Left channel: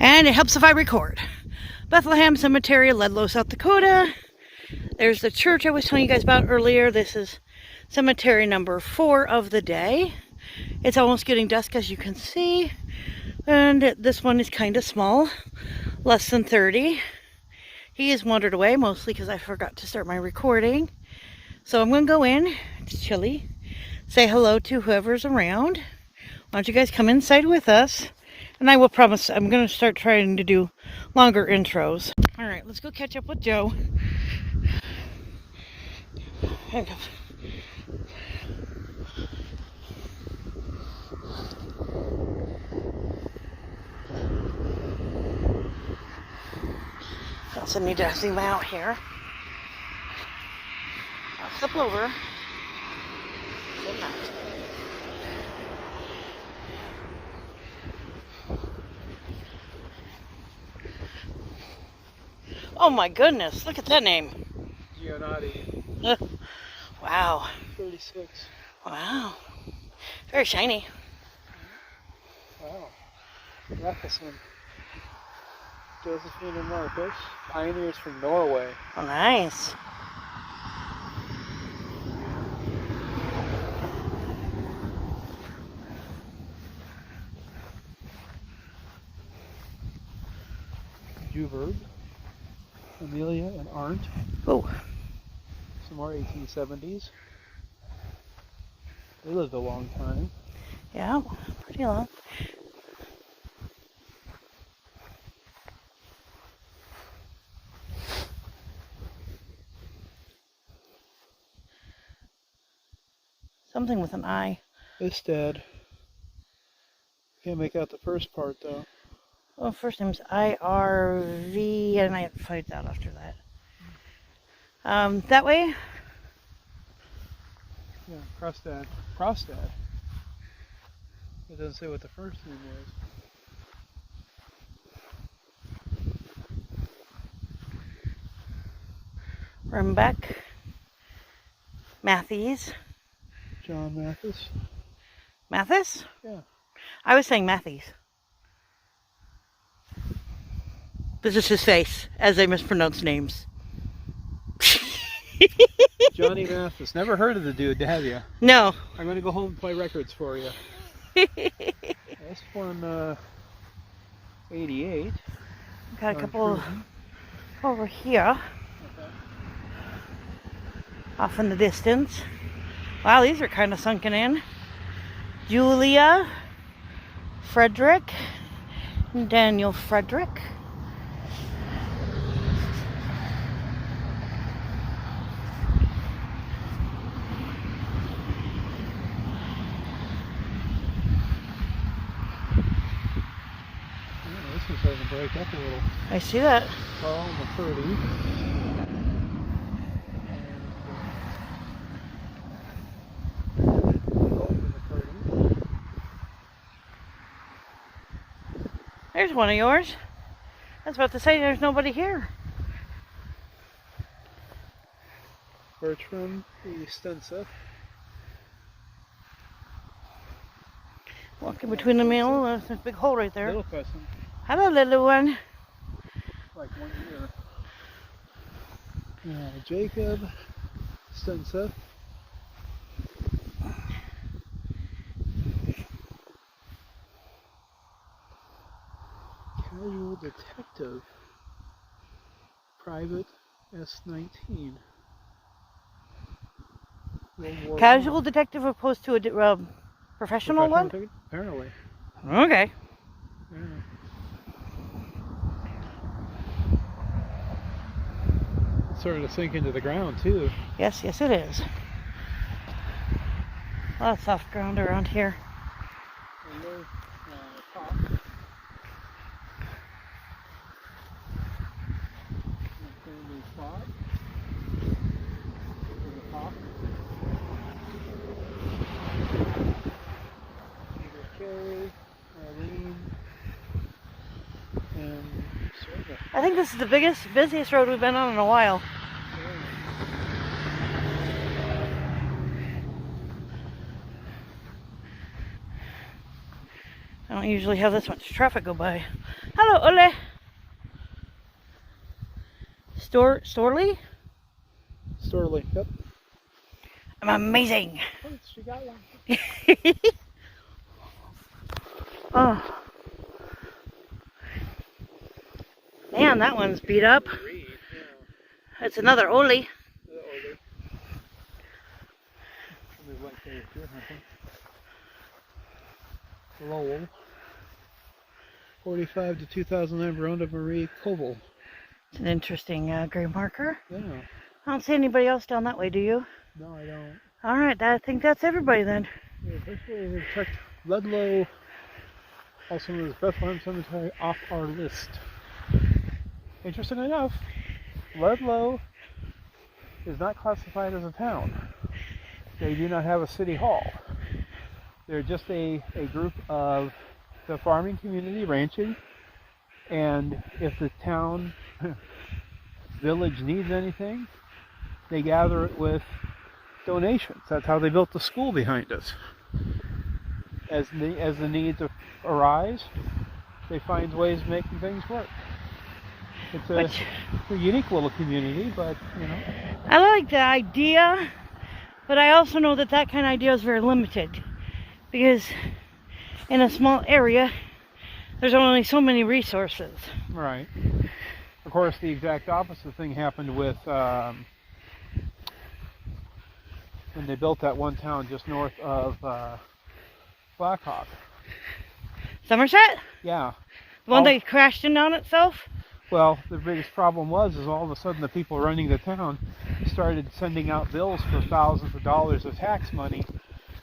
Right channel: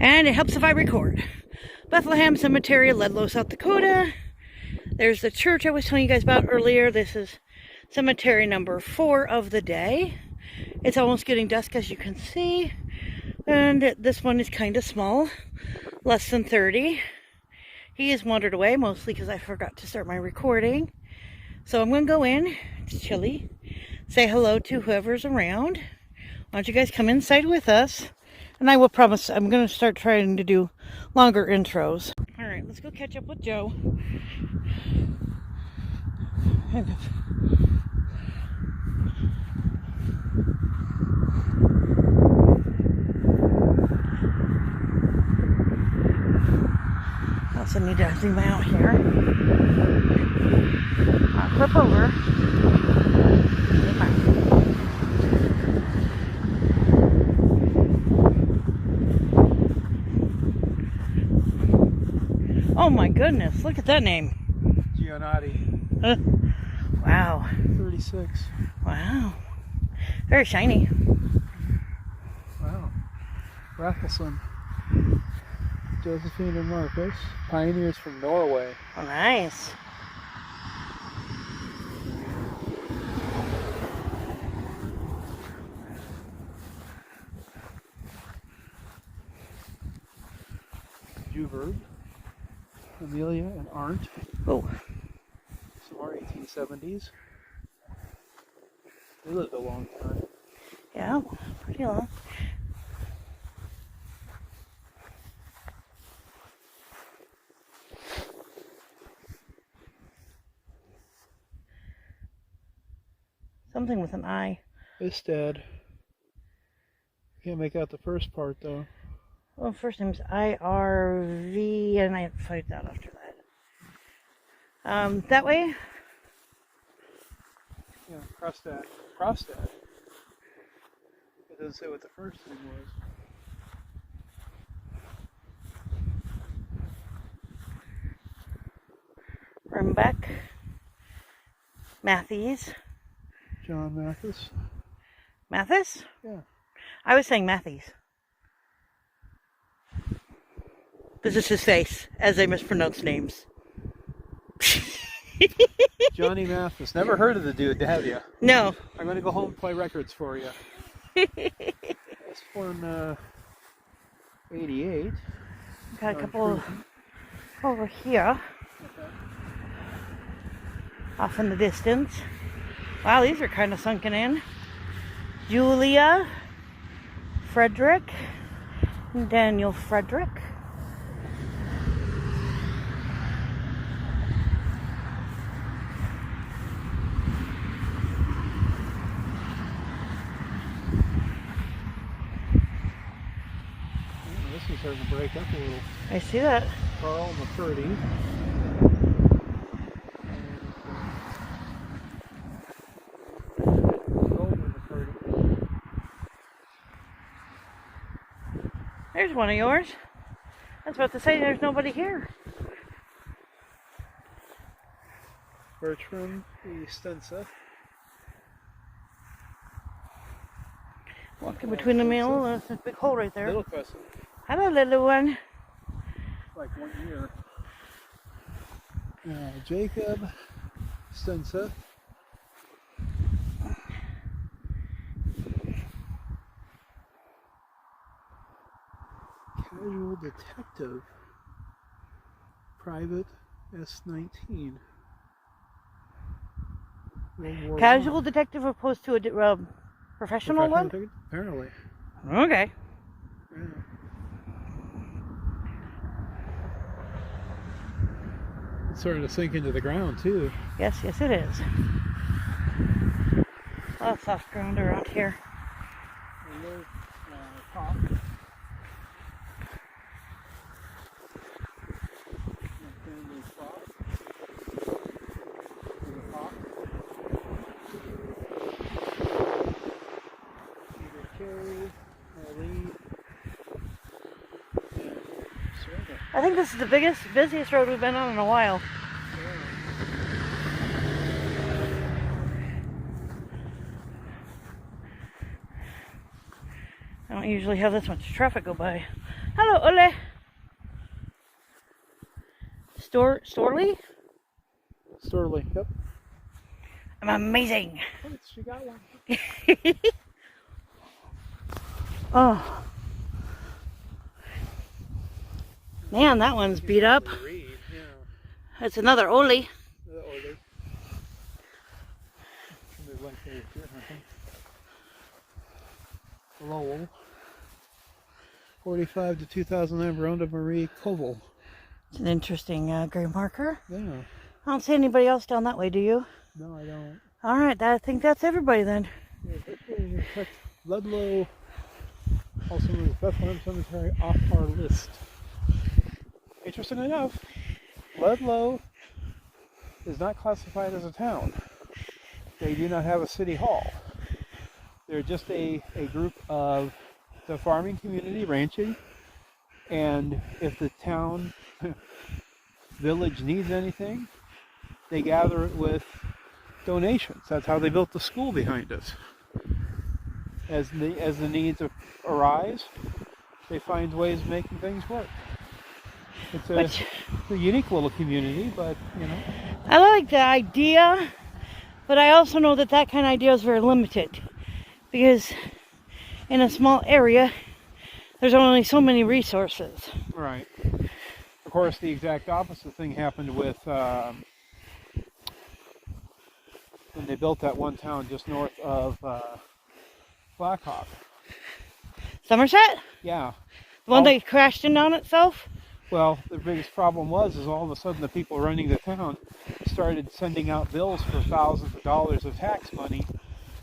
And it helps if I record. Bethlehem Cemetery, Ludlow, South Dakota. There's the church I was telling you guys about earlier. This is cemetery number 4 of the day. It's almost getting dusk, as you can see. And this one is kind of small, less than 30. He has wandered away, mostly because I forgot to start my recording. So I'm going to go in. It's chilly. Say hello to whoever's around. Why don't you guys come inside with us? And I will promise I'm going to start trying to do longer intros. All right, let's go catch up with Joe. Also need to zoom out here. I'll flip over. Zoom out. Oh my goodness, look at that name. Giannotti. Wow. 36. Wow. Very shiny. Wow. Bethlehem. Josephine and Marcus. Pioneers from Norway. Oh, nice. Juverd. Amelia and Arndt. Oh. Some more 1870s. They lived a long time. Yeah, pretty long. Something with an I. Istad. Can't make out the first part though. Well, first name's IRV, and I have to find out after that. That way? Yeah, Krostad. Krostad. It doesn't say what the first name is. Rumbeck. Matthews. John Mathis. Mathis? Yeah. I was saying Matthews. This is his face, as they mispronounce names. Johnny Mathis. Never heard of the dude, have you? No. I'm going to go home and play records for you. This one, 88. Got a couple over here. Okay. Off in the distance. Wow, these are kind of sunken in. Julia Frederick. Daniel Frederick. This one's starting to break up a little. I see that. Carl McCurdy. There's one of yours. I was about to say there's nobody here. Bertram Estensa. Walking between the middle, there's this big hole right there. Little cousin. Hello, little one. Like 1 year. Jacob Stensa. Casual detective. Private S19. Casual detective opposed to a professional one? Apparently. Okay. Yeah. It's starting to sink into the ground too. Yes, yes it is. A lot of soft ground around here. And there's Pop. Family Pop. There's a Pop. There's Carrie, Eileen, and Sarah. I think this is the busiest road we've been on in a while. I don't usually have this much traffic go by. Hello, Ole. Storley? Storley, yep. I'm amazing. Oh, she got one. Oh. Man, that one's beat up. Yeah. That's another Ole. Lowell. 45 to 2009 Verona Marie Koval. It's an interesting gray marker. Yeah. I don't see anybody else down that way, do you? No, I don't. All right, I think that's everybody then. Yeah, we'll check Ludlow, also known as Bethlehem Cemetery, off our list. Interesting enough, Ludlow is not classified as a town. They do not have a city hall. They're just a group of the farming community, ranching, and if the town village needs anything, they gather it with donations. That's how they built the school behind us. As the needs arise, they find ways of making things work. It's a unique little community, but you know. I like the idea, but I also know that that kind of idea is very limited, because in a small area, there's only so many resources. Right. Of course, the exact opposite thing happened with when they built that one town just north of Blackhawk. Somerset? Yeah. The one that crashed in on itself? Well, the biggest problem was all of a sudden the people running the town started sending out bills for thousands of dollars of tax money,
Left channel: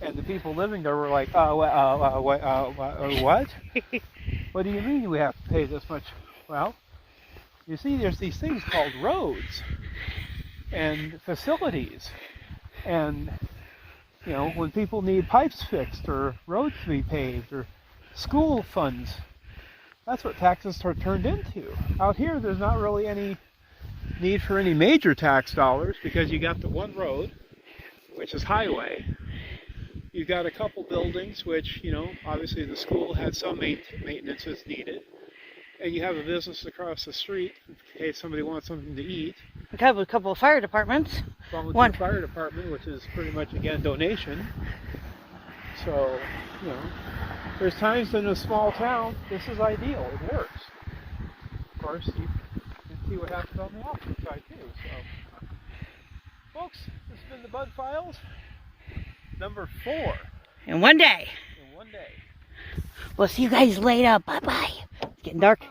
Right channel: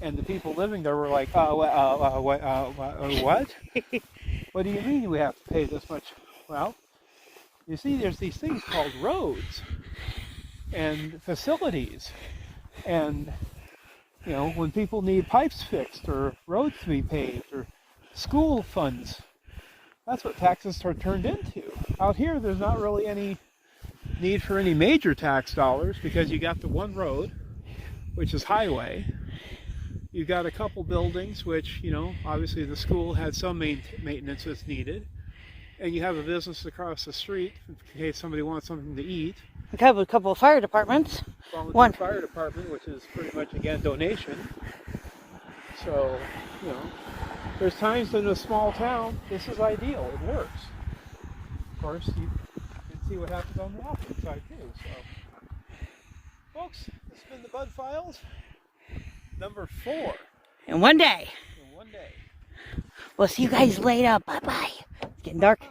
and the people living there were like, what? What do you mean we have to pay this much? Well, you see, there's these things called roads and facilities, and you know, when people need pipes fixed or roads to be paved or school funds, that's what taxes are turned into. Out here, there's not really any need for any major tax dollars because you got the one road, which is highway. You've got a couple buildings, which, you know, obviously the school had some maintenance that's needed. And you have a business across the street in case somebody wants something to eat. We have a couple of fire departments. One fire department, which is pretty much, again, donation. So, you know, there's times in a small town, this is ideal. It works. Of course, you can see what happens on the opposite side, too. So, folks, this has been the Bud Files, number 4. In one day. In one day. We'll see you guys later. Bye-bye. It's getting dark.